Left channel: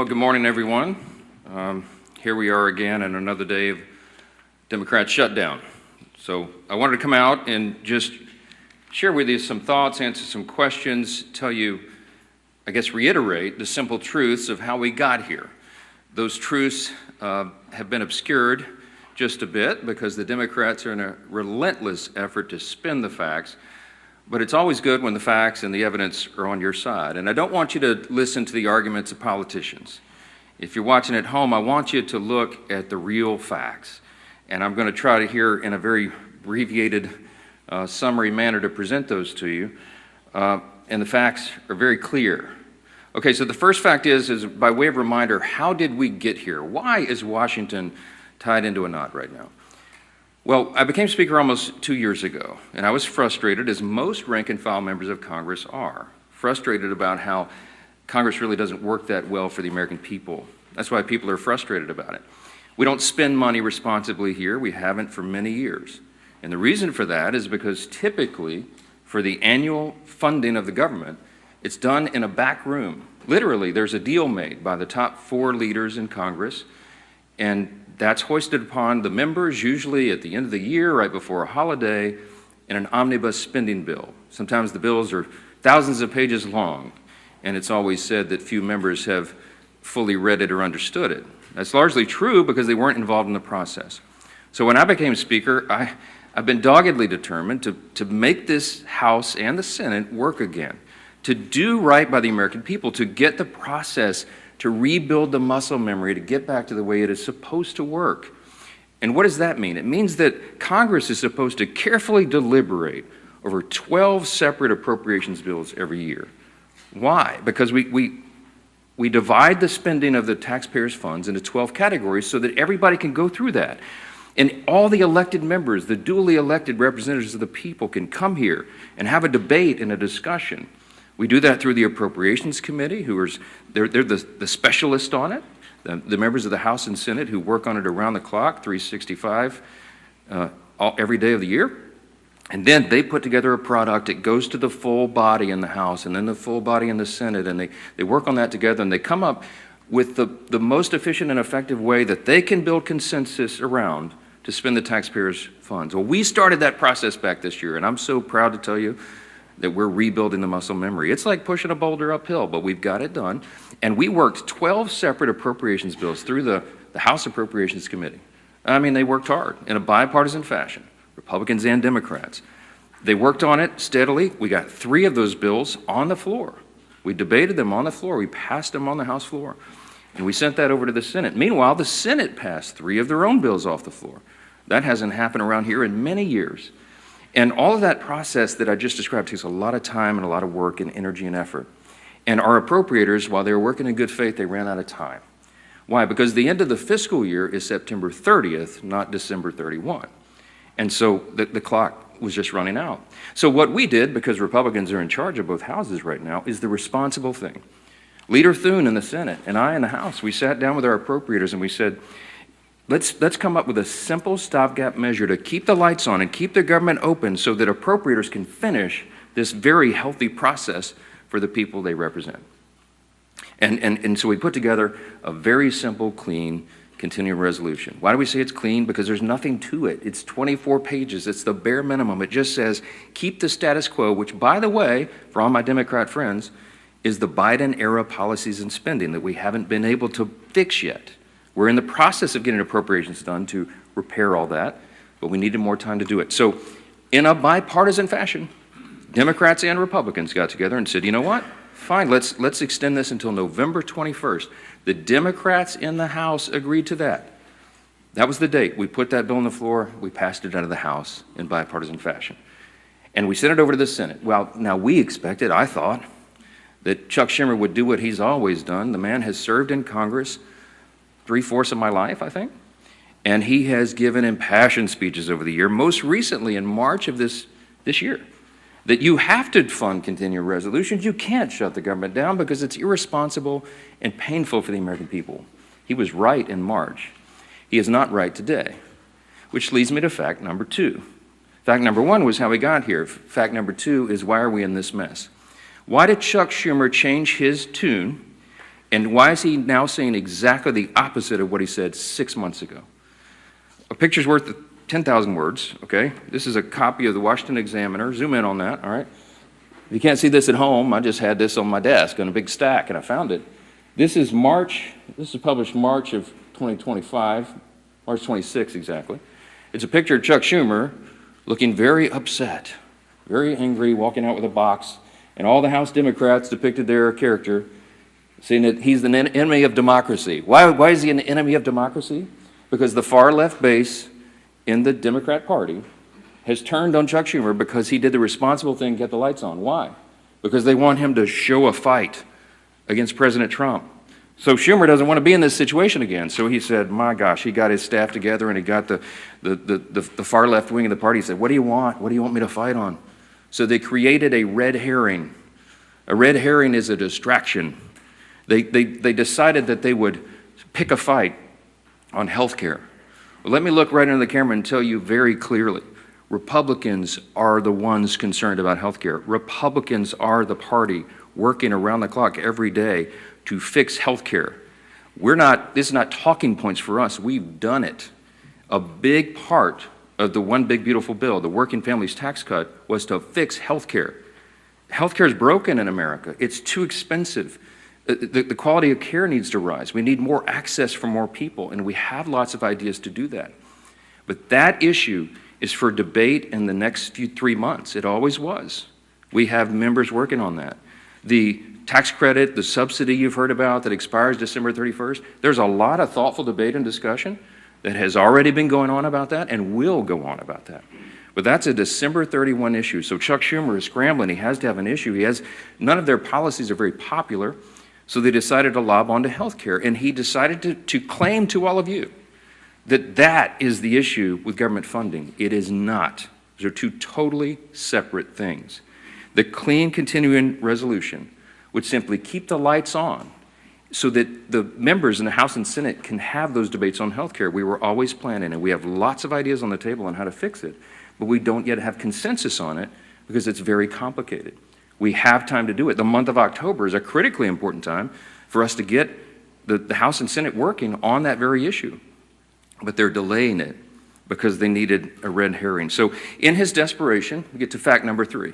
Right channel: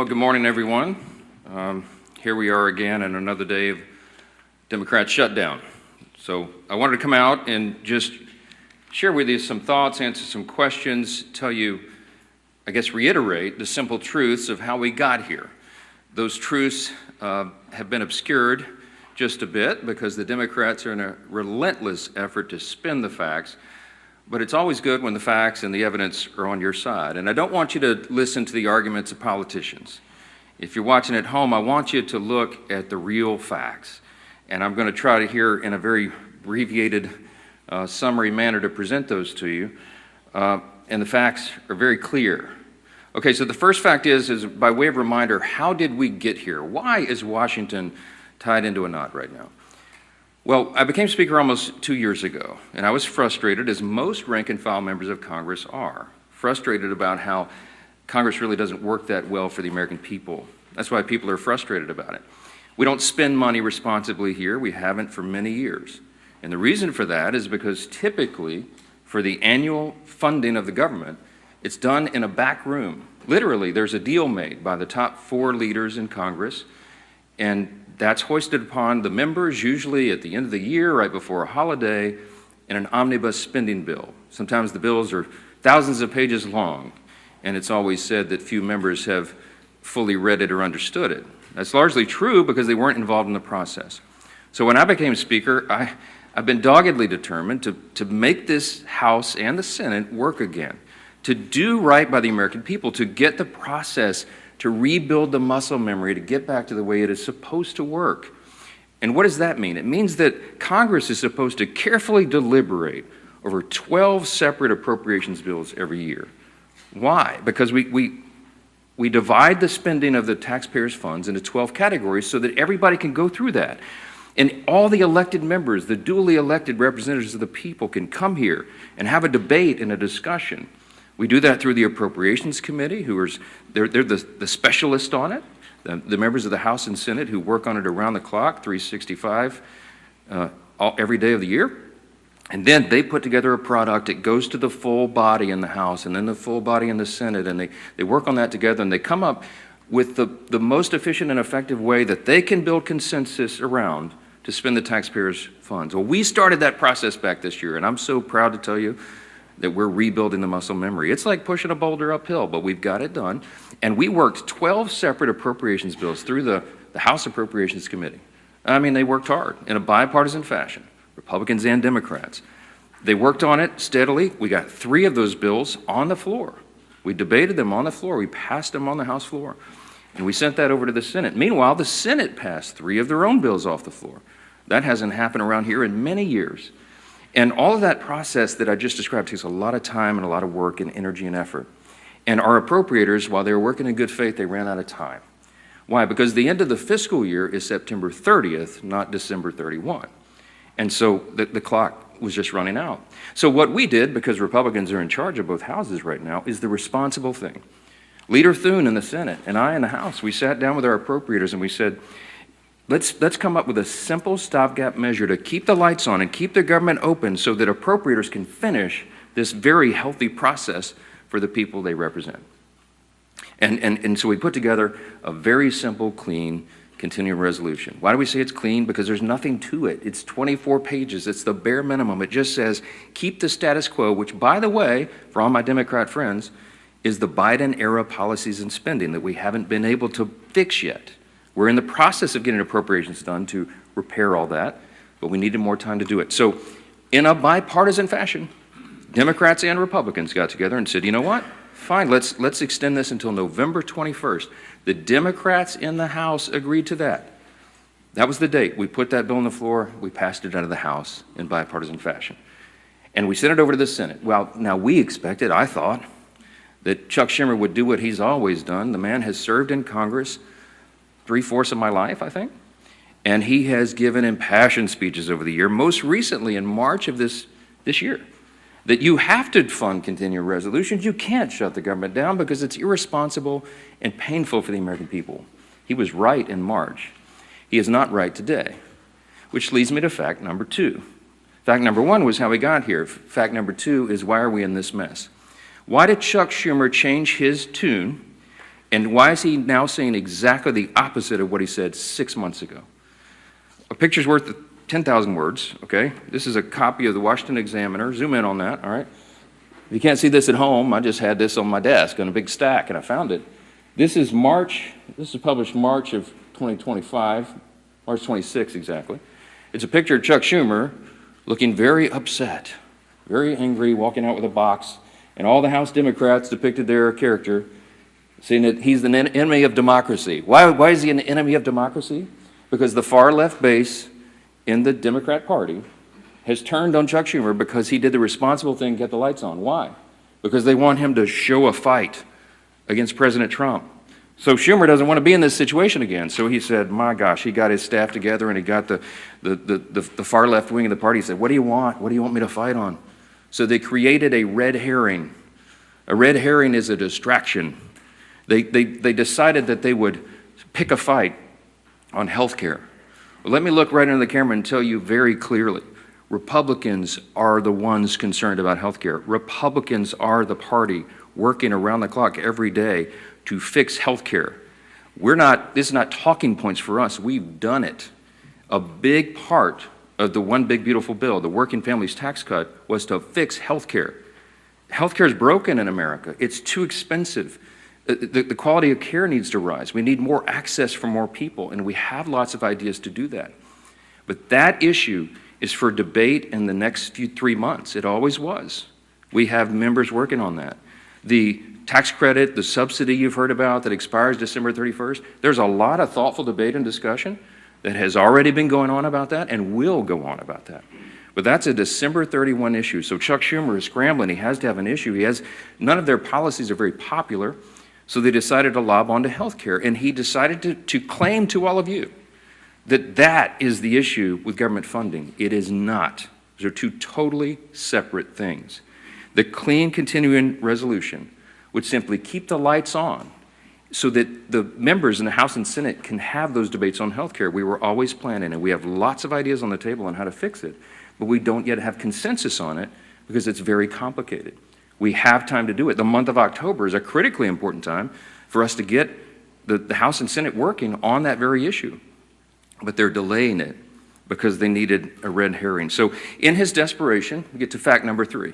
Well, good morning, everyone. Here we are again on another day of Democrat shutdown. So I wanted to come out and just share with you some thoughts, answer some questions, tell you, I guess, reiterate the simple truths of how we got here. Those truths have been obscured just a bit because the Democrats are in a relentless effort to spin the facts, but it's always good when the facts and the evidence are on your side. And I don't want you to listen to the arguments of politicians. If you're watching at home, I want you to look at the real facts. And I'm going to try to here in a very abbreviated summary manner to present those to you. And the facts are very clear. Okay, so the first fact is by way of reminder, how did we get here? Why is Washington tied into a knot right now? Well, I became Speaker almost 2 years ago, and I was frustrated, as most rank-and-file members of Congress are, frustrated about how Congress really doesn't work that well for the American people. That's why people are frustrated about it. We don't spend money responsibly here. We haven't for many years. And the reason for that is because typically, for the annual funding of the government, it's done in a back room. Literally, there's a deal made by the top 4 leaders in Congress, and that's hoisted upon the members, usually at the end of the year, right before a holiday, in an omnibus spending bill. Sometimes the bills are thousands of pages long, and it's always said that few members have fully read it or understood it. That's largely true because they weren't involved in the process. So when I became Speaker, I've been doggedly determined to make this House and the Senate work again, to do right by the American people, to get the process, to rebuild the muscle memory, to get back to the way it is supposed to work. And what does that mean? It means that Congress is supposed to carefully deliberate over 12 separate appropriations bills every year. Why? Because we divide the spending of the taxpayers' funds into 12 categories so that everybody can go through that. And all the elected members, the duly elected representatives of the people, can come here and have a debate and a discussion. We do that through the Appropriations Committee, they're the specialists on it, the members of the House and Senate who work on it around the clock, 365, every day of the year. And then they put together a product. It goes to the full body in the House and then the full body in the Senate, and they work on that together, and they come up with the most efficient and effective way that they can build consensus around to spend the taxpayers' funds. Well, we started that process back this year, and I'm so proud to tell you that we're rebuilding the muscle memory. It's like pushing a boulder uphill, but we've got it done. And we worked 12 separate appropriations bills through the House Appropriations Committee. I mean, they worked hard in a bipartisan fashion, Republicans and Democrats. They worked on it steadily. We got 3 of those bills on the floor. We debated them on the floor. We passed them on the House floor. And we sent that over to the Senate. Meanwhile, the Senate passed 3 of their own bills off the floor. That hasn't happened around here in many years. And all of that process that I just described takes a lot of time and a lot of work and energy and effort. And our appropriators, while they were working in good faith, they ran out of time. Why? Because the end of the fiscal year is September 30th, not December 31. And so the clock was just running out. So what we did, because Republicans are in charge of both houses right now, is the responsible thing. Leader Thune in the Senate and I in the House, we sat down with our appropriators and we said, Let's come up with a simple stopgap measure to keep the lights on and keep the government open so that appropriators can finish this very healthy process for the people they represent. And so we put together a very simple, clean, continuing resolution. Why do we say it's clean? Because there's nothing to it. It's 24 pages. It's the bare minimum. It just says, keep the status quo, which, by the way, for all my Democrat friends, is the Biden-era policies and spending that we haven't been able to fix yet. We're in the process of getting appropriations done to repair all that, but we needed more time to do it. So in a bipartisan fashion, Democrats and Republicans got together and said, you know what? Fine, let's extend this until November 21st. The Democrats in the House agreed to that. That was the date. We put that bill on the floor. We passed it out of the House in bipartisan fashion. And we sent it over to the Senate. Well, now we expected, I thought, that Chuck Schumer would do what he's always done. The man has served in Congress 3/4 of my life, I think. And he has given impassioned speeches over the year, most recently in March of this year, that you have to fund continuing resolutions. You can't shut the government down because it's irresponsible and painful for the American people. He was right in March. He is not right today, which leads me to fact number 2. Fact number 1 was how we got here. Fact number 2 is why are we in this mess? Why did Chuck Schumer change his tune And why is he now saying exactly the opposite of what he said 6 months ago? A picture's worth 10,000 words, okay? This is a copy of the Washington Examiner. Zoom in on that, all right? If you can't see this at home, I just had this on my desk on a big stack, and I found it. This is published March of 2025, March 26 exactly. It's a picture of Chuck Schumer looking very upset, very angry, walking out with a box, and all the House Democrats depicted their character, saying that he's the enemy of democracy. Why is he an enemy of democracy? Because the far left base in the Democrat Party has turned on Chuck Schumer because he did the responsible thing, get the lights on. Why? Because they want him to show a fight against President Trump. So Schumer doesn't want to be in this situation again. So he said, my gosh, he got his staff together and he got the far left wing of the party. He said, what do you want? What do you want me to fight on? So they created a red herring. A red herring is a distraction. They decided that they would pick a fight on health care. Well, let me look right into the camera and tell you very clearly, Republicans are the ones concerned about health care. Republicans are the party working around the clock every day to fix health care. This is not talking points for us. We've done it. A big part of the One Big Beautiful Bill, the Working Families Tax Cut, was to fix health care. Health care is broken in America. It's too expensive. The quality of care needs to rise. We need more access for more people, and we have lots of ideas to do that. But that issue is for debate in the next 3 months. It always was. We have members working on that. The tax credit, the subsidy you've heard about that expires December 31st, there's a lot of thoughtful debate and discussion that has already been going on about that and will go on about that. But that's a December 31 issue. So Chuck Schumer is scrambling. He has to have an issue. None of their policies are very popular. So they decided to lob onto health care, and he decided to claim to all of you that is the issue with government funding. It is not. Those are two totally separate things. The clean continuing resolution would simply keep the lights on so that the members in the House and Senate can have those debates on health care. We were always planning, and we have lots of ideas on the table on how to fix it, but we don't yet have consensus on it because it's very complicated. We have time to do it. The month of October is a critically important time for us to get the House and Senate working on that very issue. But they're delaying it because they needed a red herring. So in his desperation, we get to fact number 3.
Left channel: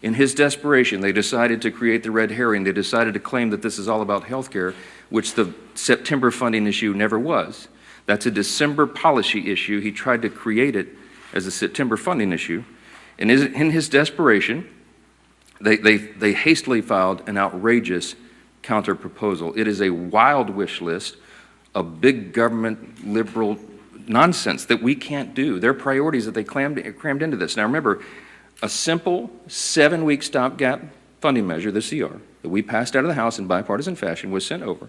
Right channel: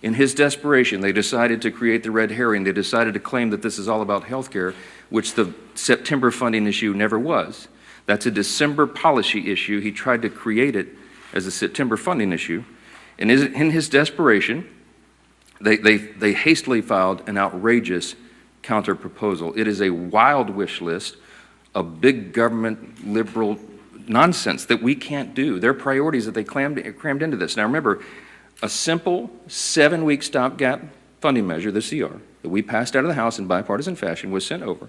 In his desperation, they decided to create the red herring. They decided to claim that this is all about health care, which the September funding issue never was. That's a December policy issue. He tried to create it as a September funding issue. And in his desperation, they hastily filed an outrageous counterproposal. It is a wild wish list of big government liberal nonsense that we can't do. Their priorities that they crammed into this. Now remember, a simple 7-week stopgap funding measure, the CR, that we passed out of the House in bipartisan fashion was sent over.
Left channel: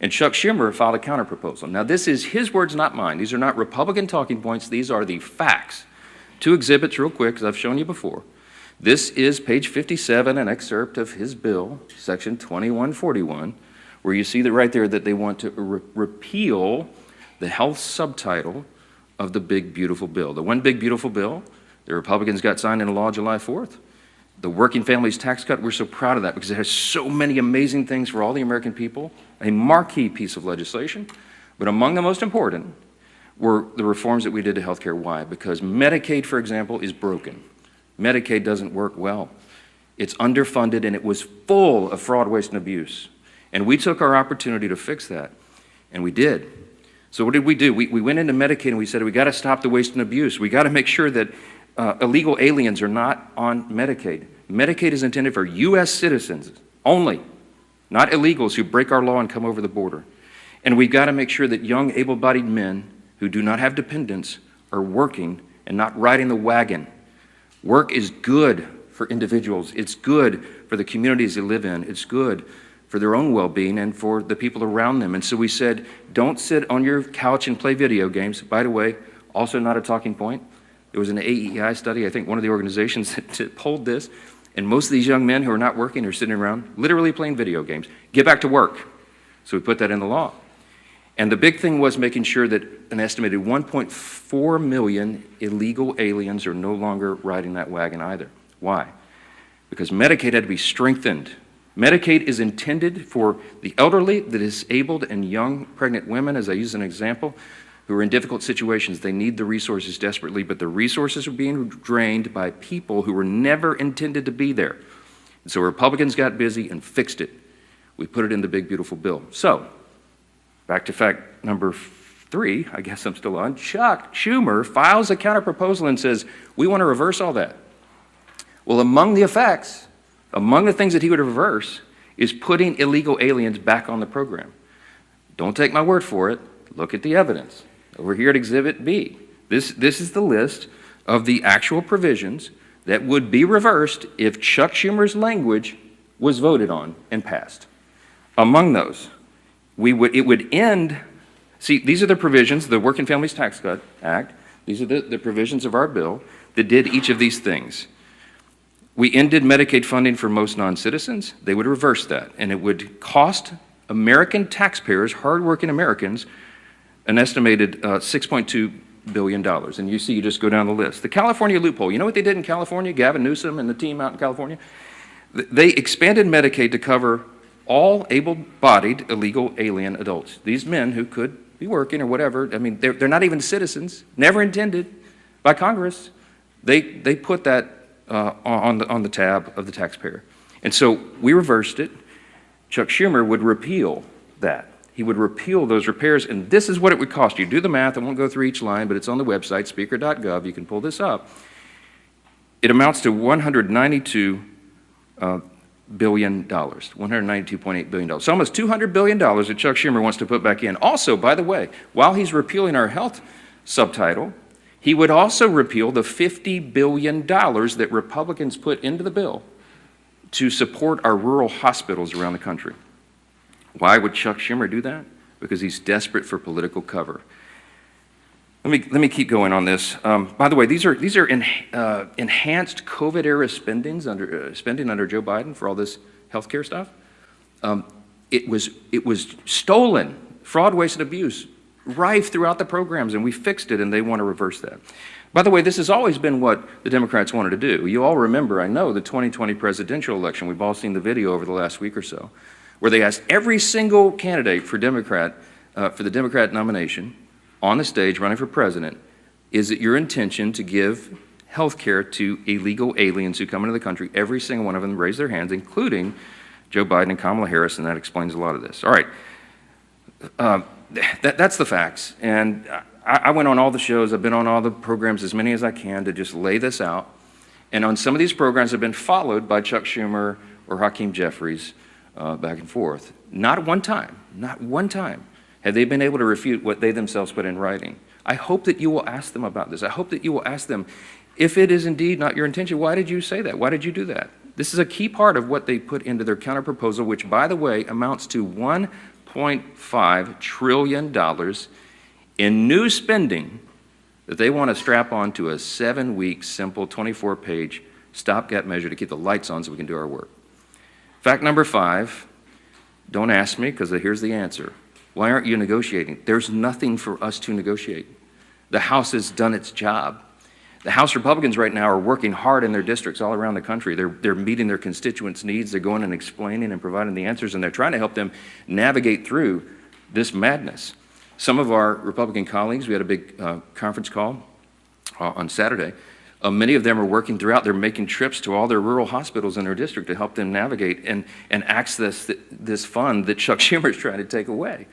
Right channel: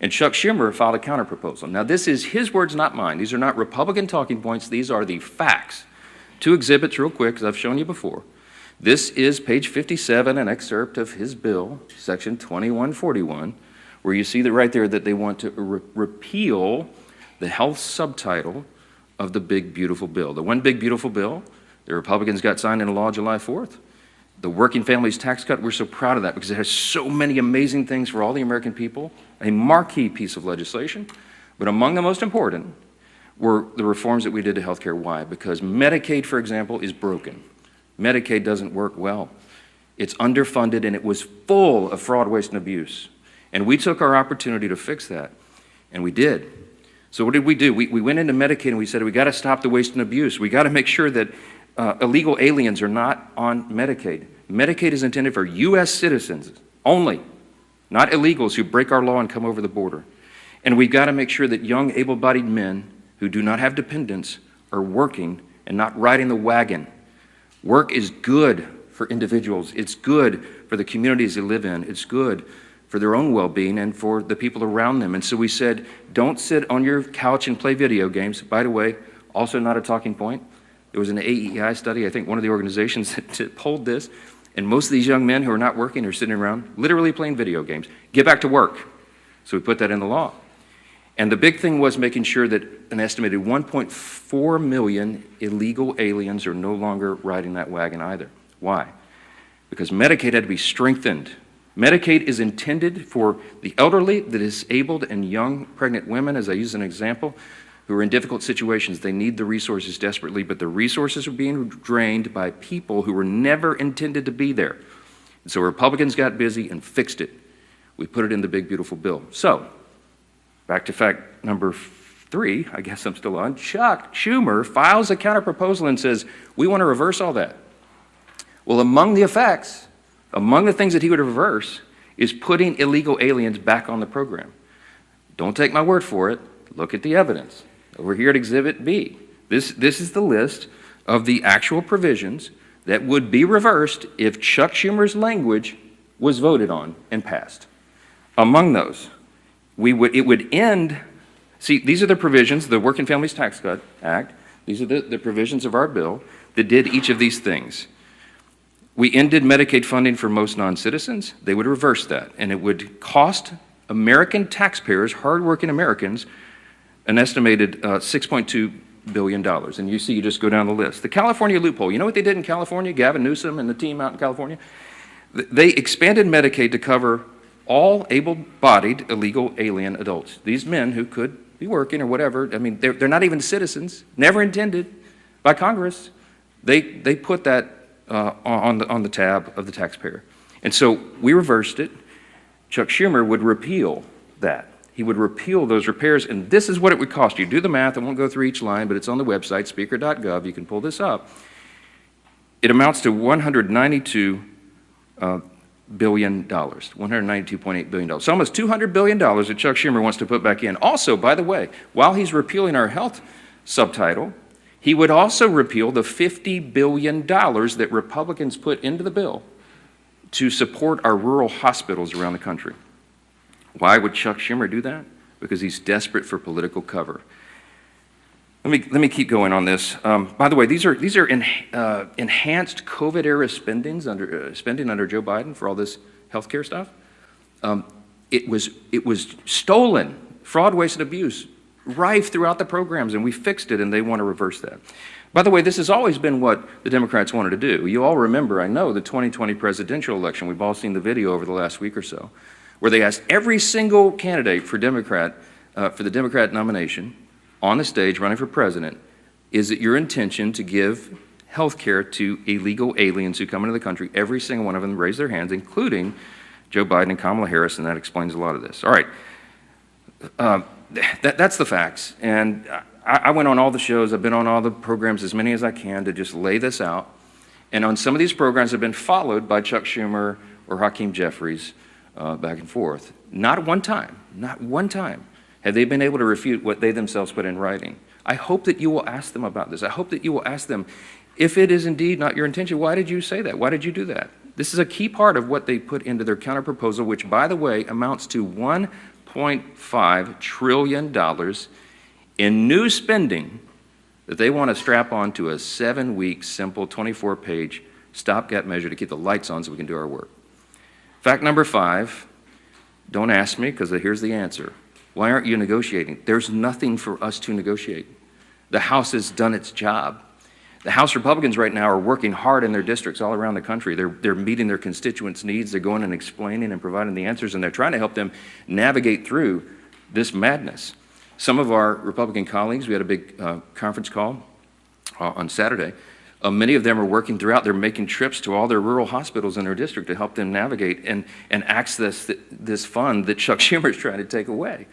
And Chuck Schumer filed a counterproposal. Now this is his words, not mine. These are not Republican talking points. These are the facts. 2 exhibits real quick, as I've shown you before. This is page 57, an excerpt of his bill, section 2141, where you see that right there that they want to repeal the health subtitle of the Big Beautiful Bill. The One Big Beautiful Bill, the Republicans got signed into law July 4th. The Working Families Tax Cut, we're so proud of that because it has so many amazing things for all the American people, a marquee piece of legislation. But among the most important were the reforms that we did to health care. Why? Because Medicaid, for example, is broken. Medicaid doesn't work well. It's underfunded and it was full of fraud, waste, and abuse. And we took our opportunity to fix that, and we did. So what did we do? We went into Medicaid and we said, we got to stop the waste and abuse. We got to make sure that illegal aliens are not on Medicaid. Medicaid is intended for U.S. citizens only, not illegals who break our law and come over the border. And we've got to make sure that young, able-bodied men who do not have dependents are working and not riding the wagon. Work is good for individuals. It's good for the communities they live in. It's good for their own well-being and for the people around them. And so we said, don't sit on your couch and play video games. By the way, also not a talking point. There was an AEI study, I think one of the organizations that polled this, and most of these young men who are not working are sitting around literally playing video games. Get back to work. So we put that in the law. And the big thing was making sure that an estimated 1.4 million illegal aliens are no longer riding that wagon either. Why? Because Medicaid had to be strengthened. Medicaid is intended for the elderly, the disabled, and young pregnant women, as I use an example, who are in difficult situations. They need the resources desperately, but the resources are being drained by people who were never intended to be there. And so Republicans got busy and fixed it. We put it in the big, beautiful bill. So, back to fact number 3, I guess I'm still on. Chuck Schumer files a counterproposal and says, we want to reverse all that. Well, among the effects, among the things that he would reverse is putting illegal aliens back on the program. Don't take my word for it. Look at the evidence. Over here at Exhibit B. This is the list of the actual provisions that would be reversed if Chuck Schumer's language was voted on and passed. Among those, it would end. See, these are the provisions, the Working Families Tax Cut Act. These are the provisions of our bill that did each of these things. We ended Medicaid funding for most non-citizens. They would reverse that, and it would cost American taxpayers, hardworking Americans, an estimated $6.2 billion. And you see, you just go down the list. The California loophole. You know what they did in California? Gavin Newsom and the team out in California? They expanded Medicaid to cover all able-bodied illegal alien adults. These men who could be working or whatever, I mean, they're not even citizens, never intended by Congress. They put that on the tab of the taxpayer. And so we reversed it. Chuck Schumer would repeal that. He would repeal those repairs, and this is what it would cost you. Do the math. I won't go through each line, but it's on the website, speaker.gov. You can pull this up. It amounts to $192 billion, $192.8 billion. So almost $200 billion that Chuck Schumer wants to put back in. Also, by the way, while he's repealing our health subtitle, he would also repeal the $50 billion that Republicans put into the bill to support our rural hospitals around the country. Why would Chuck Schumer do that? Because he's desperate for political cover. Let me keep going on this. By the way, these are enhanced COVID-era spending under Joe Biden for all this healthcare stuff. It was stolen, fraud, waste, and abuse, rife throughout the programs, and we fixed it, and they want to reverse that. By the way, this has always been what the Democrats wanted to do. You all remember, I know, the 2020 presidential election. We've all seen the video over the last week or so, where they asked every single candidate for the Democrat nomination on the stage running for president, is it your intention to give health care to illegal aliens who come into the country? Every single one of them raised their hands, including Joe Biden and Kamala Harris, and that explains a lot of this. All right. That's the facts. And I went on all the shows. I've been on all the programs, as many as I can, to just lay this out. And on some of these programs have been followed by Chuck Schumer or Hakeem Jeffries back and forth. Not one time have they been able to refute what they themselves put in writing. I hope that you will ask them about this. I hope that you will ask them, if it is indeed not your intention, why did you say that? Why did you do that? This is a key part of what they put into their counterproposal, which, by the way, amounts to $1.5 trillion in new spending that they want to strap onto a 7-week, simple, 24-page stopgap measure to keep the lights on so we can do our work. Fact number 5, don't ask me, because here's the answer. Why aren't you negotiating? There's nothing for us to negotiate. The House has done its job. The House Republicans right now are working hard in their districts all around the country. They're meeting their constituents' needs. They're going and explaining and providing the answers, and they're trying to help them navigate through this madness. Some of our Republican colleagues, we had a big conference call on Saturday. Many of them are working throughout. They're making trips to all their rural hospitals in their district to help them navigate and access this fund that Chuck Schumer is trying to take away.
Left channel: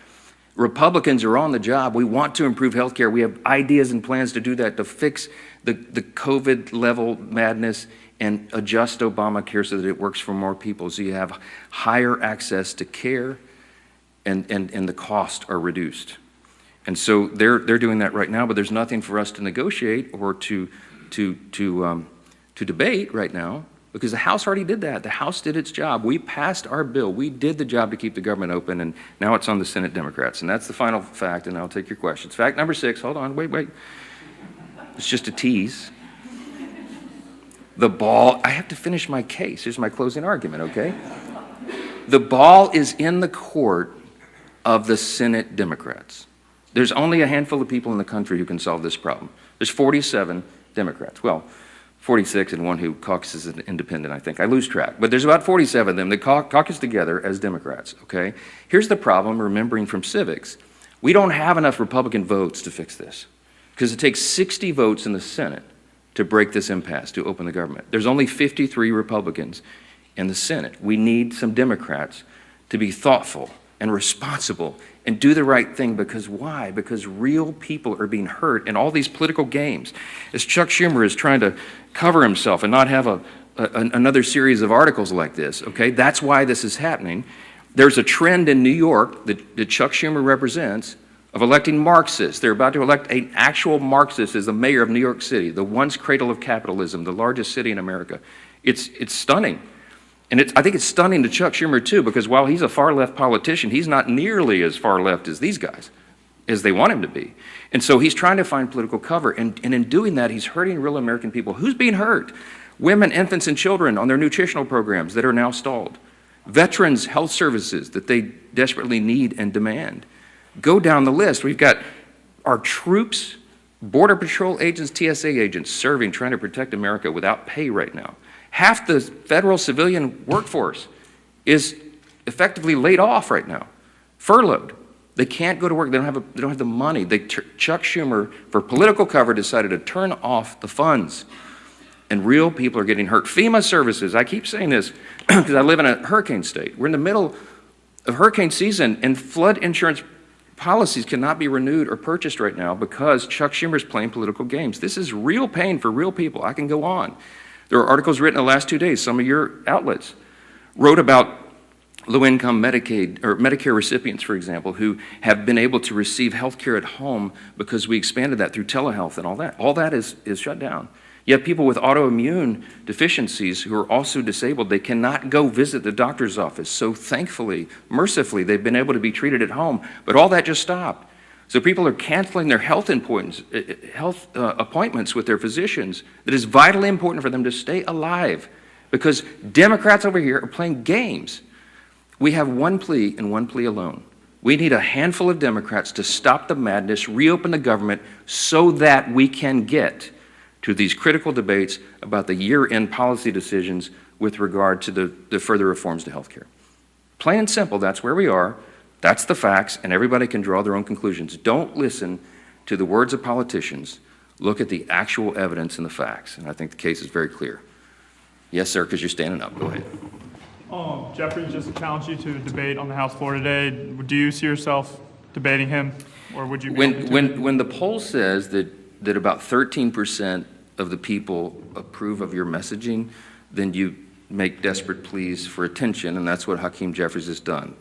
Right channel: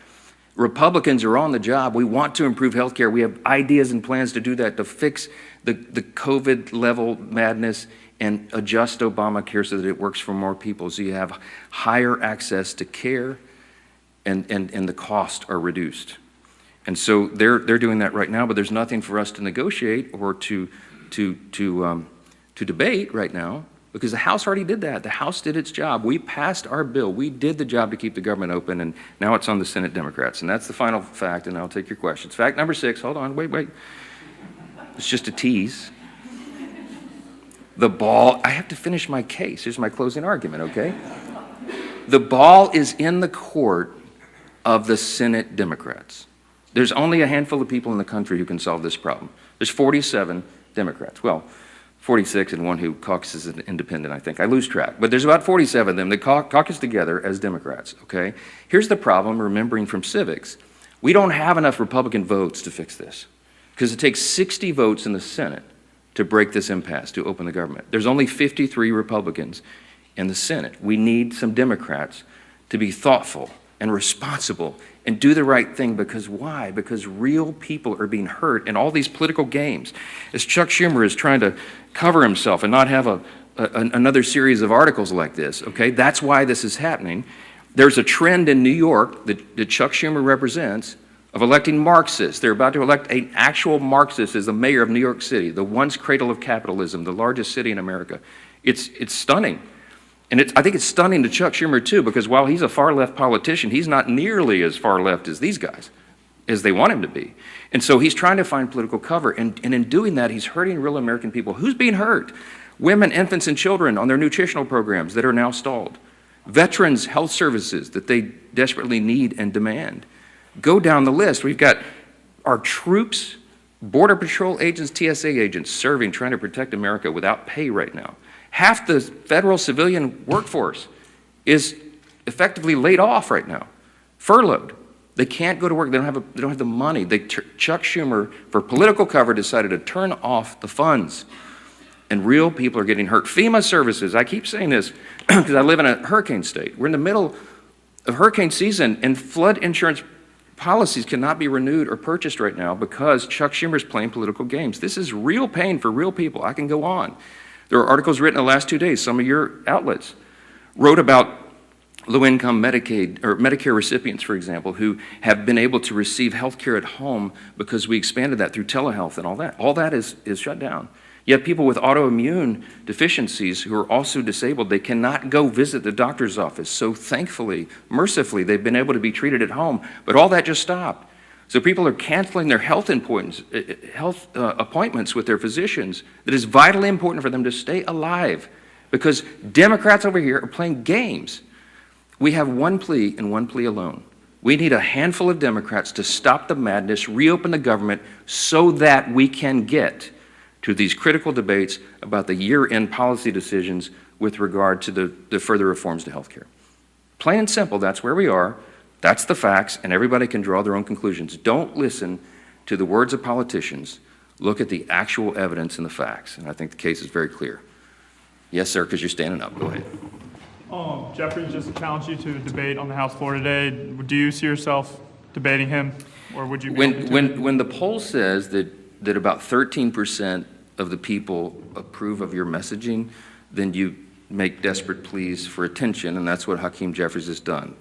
Republicans are on the job. We want to improve health care. We have ideas and plans to do that, to fix the COVID level madness and adjust Obamacare so that it works for more people, so you have higher access to care and the costs are reduced. And so they're doing that right now, but there's nothing for us to negotiate or to debate right now, because the House already did that. The House did its job. We passed our bill. We did the job to keep the government open, and now it's on the Senate Democrats. And that's the final fact, and I'll take your questions. Fact number 6, hold on, wait. It's just a tease. The ball, I have to finish my case. Here's my closing argument, okay? The ball is in the court of the Senate Democrats. There's only a handful of people in the country who can solve this problem. There's 47 Democrats. Well, 46 and one who caucuses as an independent, I think. I lose track. But there's about 47 of them that caucus together as Democrats, okay? Here's the problem, remembering from civics. We don't have enough Republican votes to fix this because it takes 60 votes in the Senate to break this impasse, to open the government. There's only 53 Republicans in the Senate. We need some Democrats to be thoughtful and responsible and do the right thing. Because why? Because real people are being hurt in all these political games. As Chuck Schumer is trying to cover himself and not have another series of articles like this, okay? That's why this is happening. There's a trend in New York that Chuck Schumer represents of electing Marxists. They're about to elect an actual Marxist as the mayor of New York City, the once cradle of capitalism, the largest city in America. It's stunning. And I think it's stunning to Chuck Schumer, too, because while he's a far-left politician, he's not nearly as far-left as these guys, as they want him to be. And so he's trying to find political cover. And in doing that, he's hurting real American people. Who's being hurt? Women, infants, and children on their nutritional programs that are now stalled. Veterans' health services that they desperately need and demand. Go down the list. We've got our troops, Border Patrol agents, TSA agents serving, trying to protect America without pay right now. Half the federal civilian workforce is effectively laid off right now, furloughed. They can't go to work. They don't have the money. Chuck Schumer, for political cover, decided to turn off the funds, and real people are getting hurt. FEMA services. I keep saying this because I live in a hurricane state. We're in the middle of hurricane season, and flood insurance policies cannot be renewed or purchased right now because Chuck Schumer's playing political games. This is real pain for real people. I can go on. There are articles written in the last 2 days. Some of your outlets wrote about low-income Medicaid or Medicare recipients, for example, who have been able to receive health care at home because we expanded that through telehealth and all that. All that is shut down. You have people with autoimmune deficiencies who are also disabled. They cannot go visit the doctor's office. So thankfully, mercifully, they've been able to be treated at home. But all that just stopped. So people are canceling their health appointments with their physicians. That is vitally important for them to stay alive because Democrats over here are playing games. We have one plea and one plea alone. We need a handful of Democrats to stop the madness, reopen the government so that we can get to these critical debates about the year-end policy decisions with regard to the further reforms to health care. Plain and simple, that's where we are. That's the facts, and everybody can draw their own conclusions. Don't listen to the words of politicians. Look at the actual evidence and the facts, and I think the case is very clear. Yes, sir, because you're standing up. Go ahead. Jeffrey just challenged you to debate on the House floor today. Do you see yourself debating him, or would you? When the poll says that about 13% of the people approve of your messaging, then you make desperate pleas for attention, and that's what Hakeem Jeffries has done.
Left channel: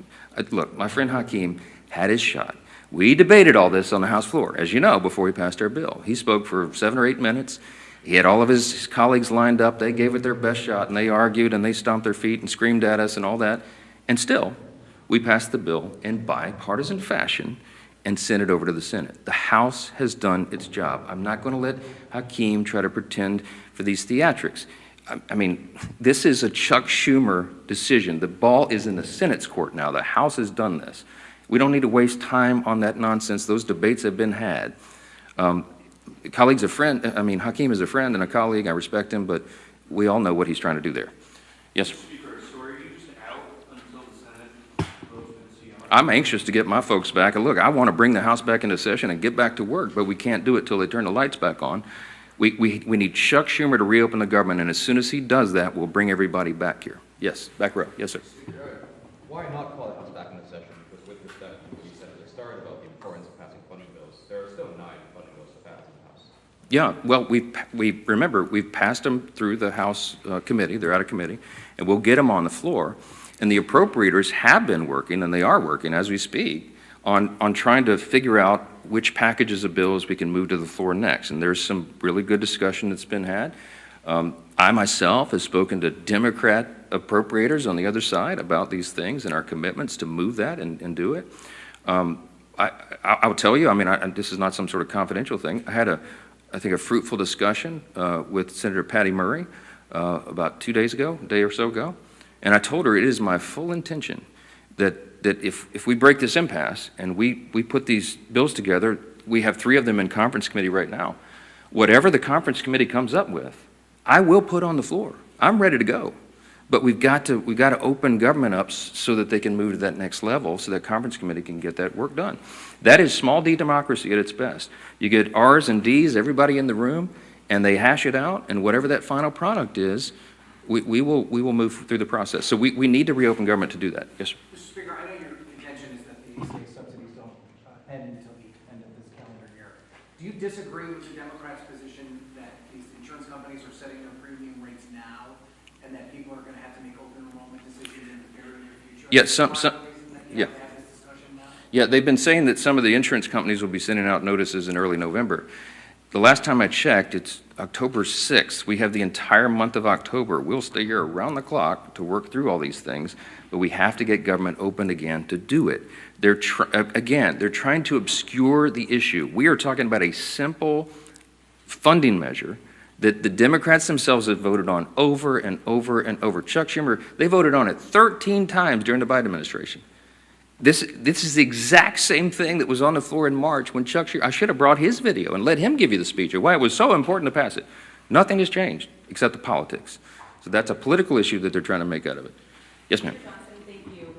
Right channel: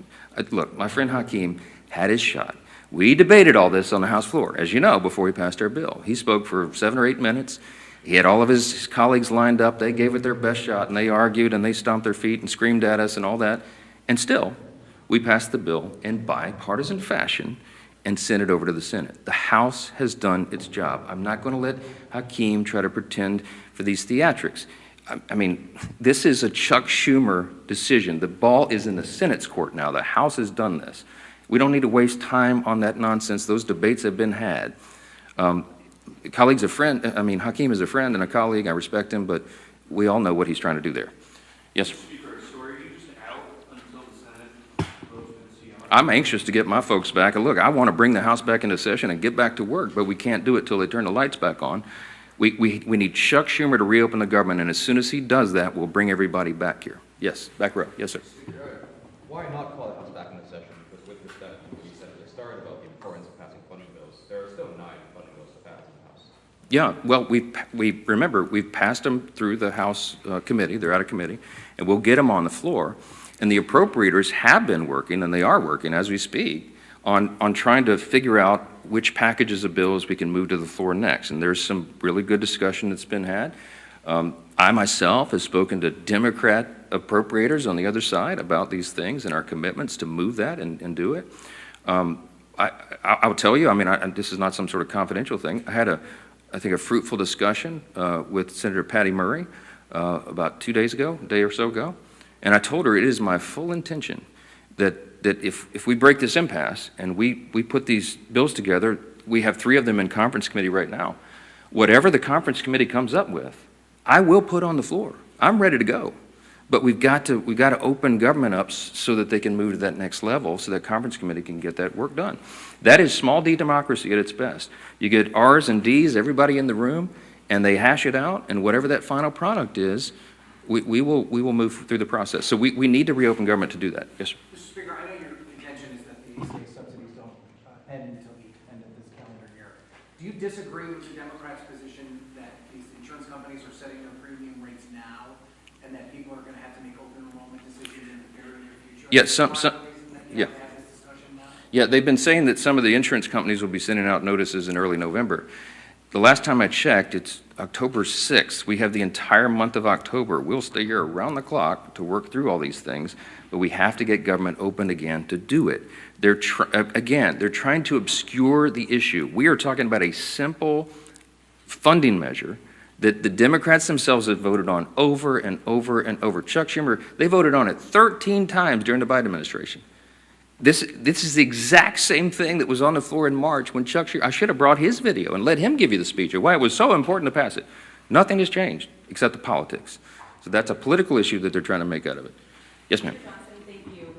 Look, my friend Hakeem had his shot. We debated all this on the House floor, as you know, before we passed our bill. He spoke for 7 or 8 minutes. He had all of his colleagues lined up. They gave it their best shot, and they argued, and they stomped their feet and screamed at us and all that. And still, we passed the bill in bipartisan fashion and sent it over to the Senate. The House has done its job. I'm not going to let Hakeem try to pretend for these theatrics. I mean, this is a Chuck Schumer decision. The ball is in the Senate's court now. The House has done this. We don't need to waste time on that nonsense. Those debates have been had. Hakeem is a friend and a colleague. I respect him, but we all know what he's trying to do there. Yes, sir. I'm anxious to get my folks back. And look, I want to bring the House back into session and get back to work, but we can't do it till they turn the lights back on. We need Chuck Schumer to reopen the government, and as soon as he does that, we'll bring everybody back here. Yes, back row. Yes, sir. Why not call the House back into session? Because with respect to what you said at the start about the importance of passing funding bills, there are still 9 funding bills to pass in the House. Yeah, well, we've passed them through the House committee. They're out of committee, and we'll get them on the floor. And the appropriators have been working, and they are working as we speak, on trying to figure out which packages of bills we can move to the floor next. And there's some really good discussion that's been had. I myself have spoken to Democrat appropriators on the other side about these things and our commitments to move that and do it. I'll tell you, this is not some sort of confidential thing. I had I think a fruitful discussion with Senator Patty Murray about 2 days ago, a day or so ago. And I told her it is my full intention that if we break this impasse and we put these bills together, we have 3 of them in conference committee right now. Whatever the conference committee comes up with, I will put on the floor. I'm ready to go. But we've got to open government up so that they can move to that next level, so that conference committee can get that work done. That is small d democracy at its best. You get R's and D's, everybody in the room, and they hash it out, and whatever that final product is, we will move through the process. So we need to reopen government to do that. Yes, sir. Mr. Speaker, I know your intention is that these subsidies don't end until the end of this calendar year. Do you disagree with the Democrats' position that these insurance companies are setting their premium rates now, and that people are going to have to make open enrollment decisions in the very near future? Yeah, Yeah, they've been saying that some of the insurance companies will be sending out notices in early November. The last time I checked, it's October 6th. We have the entire month of October. We'll stay here around the clock to work through all these things, but we have to get government open again to do it. They're trying to obscure the issue. We are talking about a simple funding measure that the Democrats themselves have voted on over and over and over. Chuck Schumer, they voted on it 13 times during the Biden administration. This is the exact same thing that was on the floor in March when Chuck Schumer, I should have brought his video and let him give you the speech of why it was so important to pass it. Nothing has changed except the politics. So that's a political issue that they're trying to make out of it. Yes, ma'am. Thank you.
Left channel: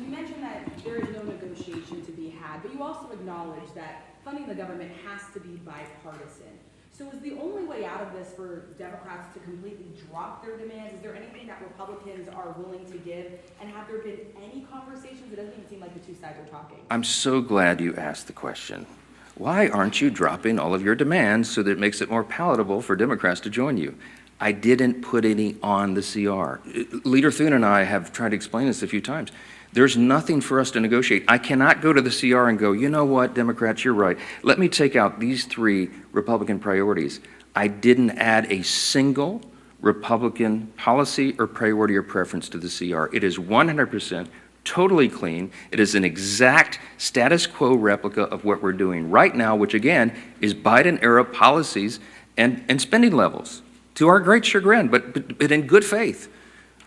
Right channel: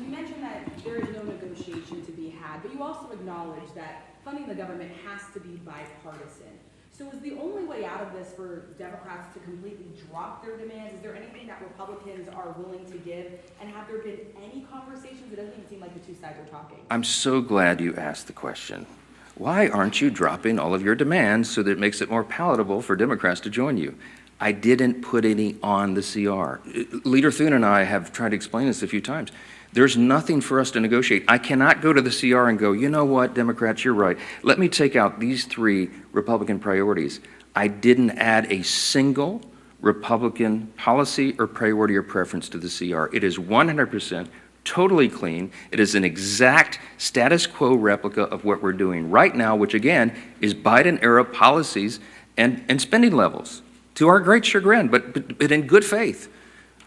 You mentioned that there is no negotiation to be had, but you also acknowledge that funding the government has to be bipartisan. So is the only way out of this for Democrats to completely drop their demands? Is there anything that Republicans are willing to give? And have there been any conversations? It doesn't even seem like the two sides are talking. I'm so glad you asked the question. Why aren't you dropping all of your demands so that it makes it more palatable for Democrats to join you? I didn't put any on the CR. Leader Thune and I have tried to explain this a few times. There's nothing for us to negotiate. I cannot go to the CR and go, you know what, Democrats, you're right. Let me take out these 3 Republican priorities. I didn't add a single Republican policy or priority or preference to the CR. It is 100% totally clean. It is an exact status quo replica of what we're doing right now, which again is Biden-era policies and spending levels, to our great chagrin, but in good faith.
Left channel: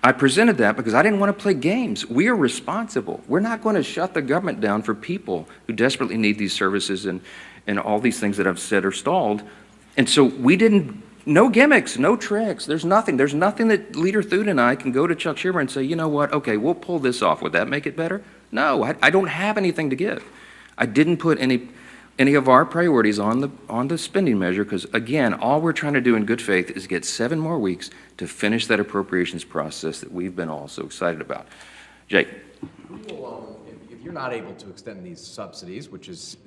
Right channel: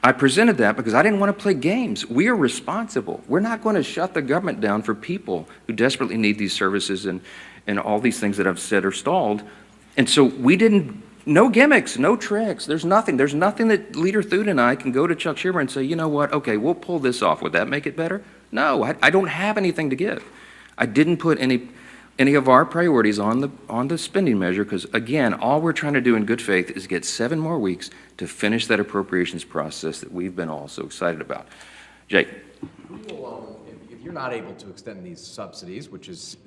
I presented that because I didn't want to play games. We are responsible. We're not going to shut the government down for people who desperately need these services and all these things that I've said are stalled. And so we didn't, no gimmicks, no tricks. There's nothing that Leader Thune and I can go to Chuck Schumer and say, you know what, okay, we'll pull this off. Would that make it better? No, I don't have anything to give. I didn't put any of our priorities on the spending measure because, again, all we're trying to do in good faith is get 7 more weeks to finish that appropriations process that we've been all so excited about. Jake. If you're not able to extend these subsidies, which is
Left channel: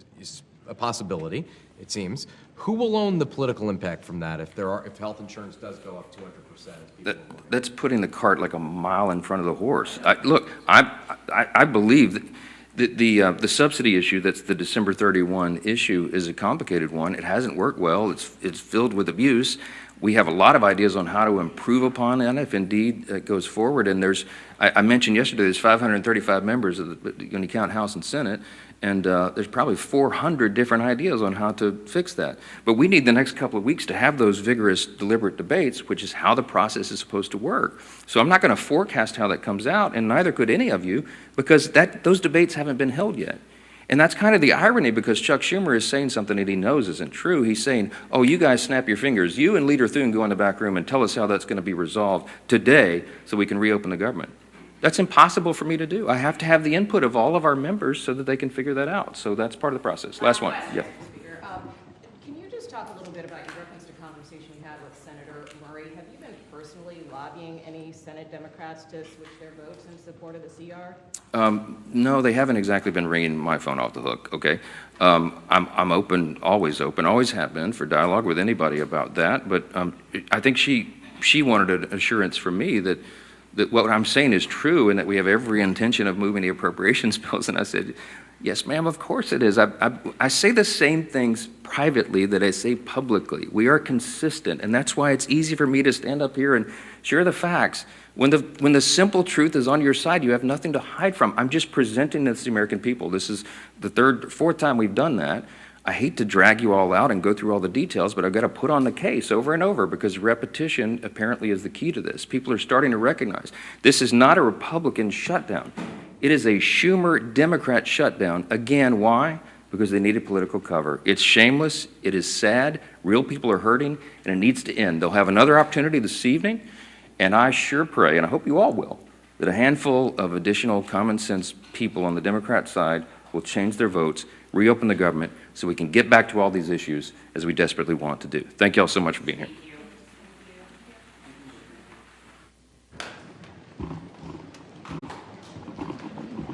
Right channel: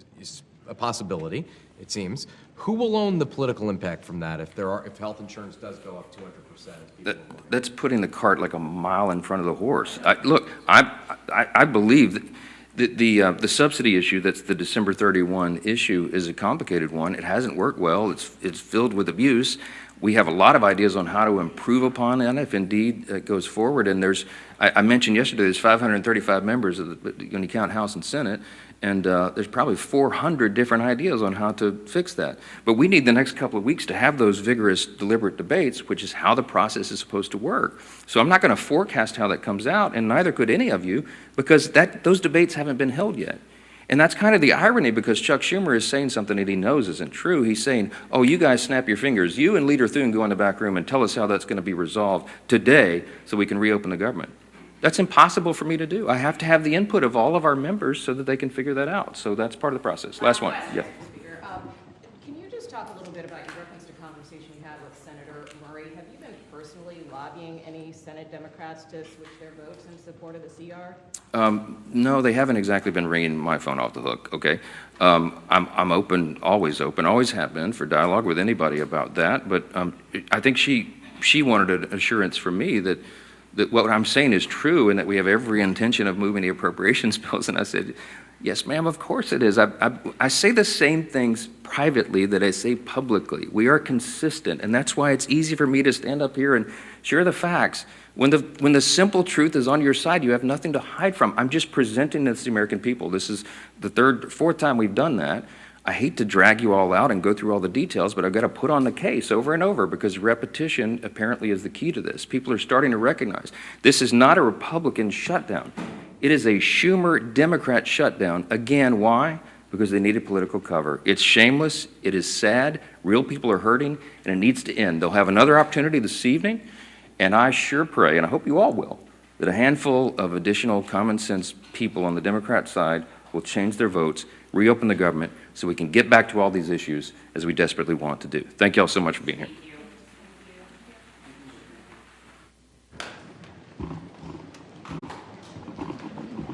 a possibility, it seems, who will own the political impact from that if health insurance does go up 200%? That's putting the cart like a mile in front of the horse. I believe that the subsidy issue, that's the December 31 issue, is a complicated one. It hasn't worked well. It's filled with abuse. We have a lot of ideas on how to improve upon that if indeed it goes forward. And I mentioned yesterday, there's 535 members when you count House and Senate, and there's probably 400 different ideas on how to fix that. But we need the next couple of weeks to have those vigorous, deliberate debates, which is how the process is supposed to work. So I'm not going to forecast how that comes out, and neither could any of you, because those debates haven't been held yet. And that's kind of the irony, because Chuck Schumer is saying something that he knows isn't true. He's saying, oh, you guys snap your fingers. You and Leader Thune go in the back room and tell us how that's going to be resolved today so we can reopen the government. That's impossible for me to do. I have to have the input of all of our members so that they can figure that out. So that's part of the process. Last one. Yeah. Can you just talk a little bit about your reference to conversation you had with Senator Murray? Have you been personally lobbying any Senate Democrats to switch their votes in support of the CR? No, they haven't exactly been ringing my phone off the hook, okay? I'm open, always have been, for dialogue with anybody about that, but I think she wanted an assurance from me that what I'm saying is true and that we have every intention of moving the appropriations bills, and I said, yes, ma'am, of course it is. I say the same things privately that I say publicly. We are consistent, and that's why it's easy for me to stand up here and share the facts. When the simple truth is on your side, you have nothing to hide from. I'm just presenting this to the American people. This is the fourth time we've done that. I hate to drag you all out and go through all the details, but I've got to put on the case over and over because repetition apparently is the key to this. People are starting to recognize this is not a Republican shutdown. It is a Schumer Democrat shutdown. Again, why? because they needed political cover. It's shameless, it is sad, real people are hurting, and it needs to end. They'll have another opportunity this evening, and I sure pray, and I hope you all will, that a handful of additional common sense people on the Democrat side will change their votes, reopen the government, so we can get back to all these issues as we desperately want to do. Thank you all so much for being here.